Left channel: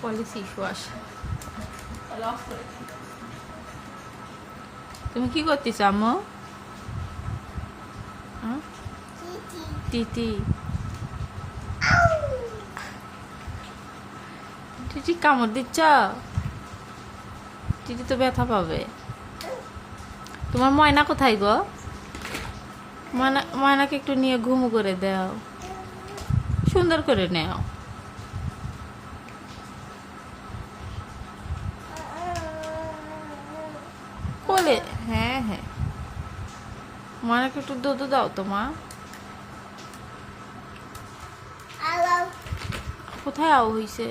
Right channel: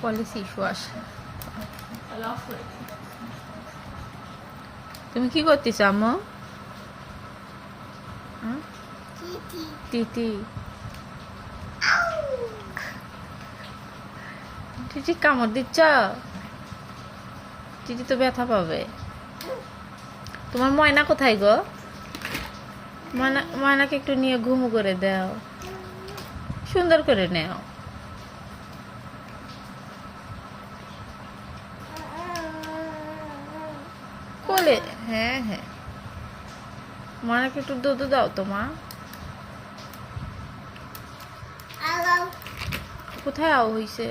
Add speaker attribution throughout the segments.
Speaker 1: Policy
Speaker 2: for it.
Speaker 1: তুমি কি করতেছ আম্মু? হ্যাঁ? টিটি। টিটি কামড় দিচ্ছ? টিটি তো ব্যথা পাবে। তোমার ময়না কোথায় গো? ময়না ময়নাকে একটু নিয়ে ঘুমু করে দাও। সুন্দর করে নেও। কোলে হ্যাঁ হ্যাঁ। ময়নাকে একটু দুধ দাও তো মা। কোথায় আও হইছে?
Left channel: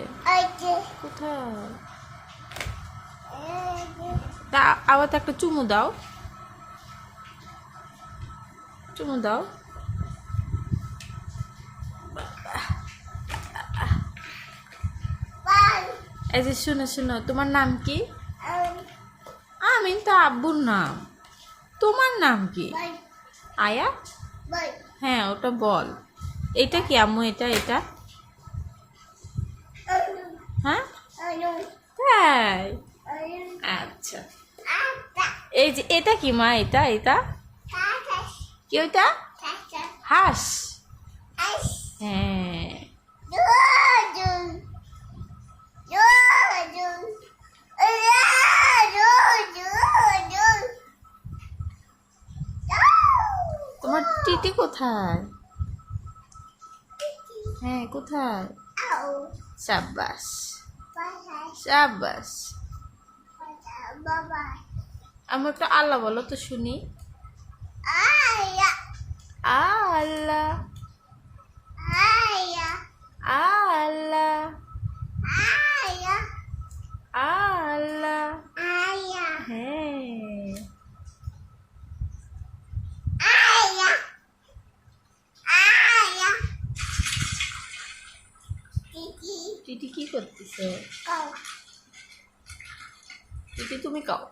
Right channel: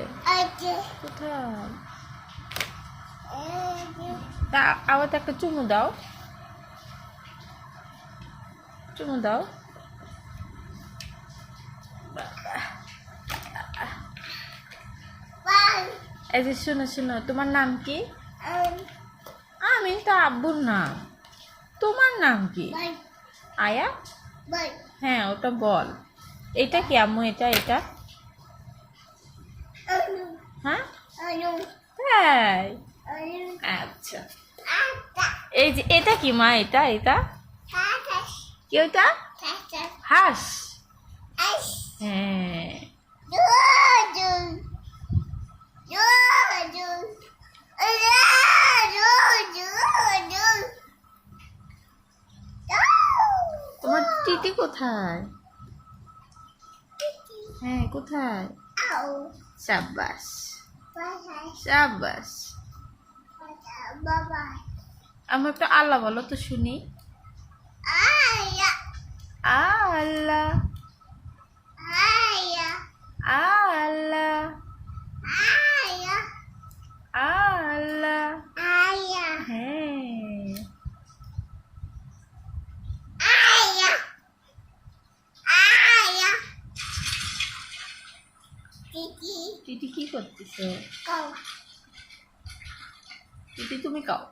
Speaker 1: কোথায়? তা আবার তো একটা চুমু দাও। চুমু দাও। এই যে শুনো শুনো তোমার নাম কি? আমি তো আব্বুর নাম। তোমার নাম কি? আয়া? হ্যাঁ ওটা বল। এটা কি আম্মু এটা এটা? হ্যাঁ? তাই? আচ্ছা। এই যে এটা কি মা এটা এটা? কি ওটা হাঁস। হ্যাঁ। টিটি কোথায়? হ্যাঁ কোথায়? সাব্বাস। সাব্বাস। আমি একটা আল্লাহ বলো তো শুনি। আল্লাহ। আল্লাহ। টিটি কি করতেছে? টিটি তুমি কাও।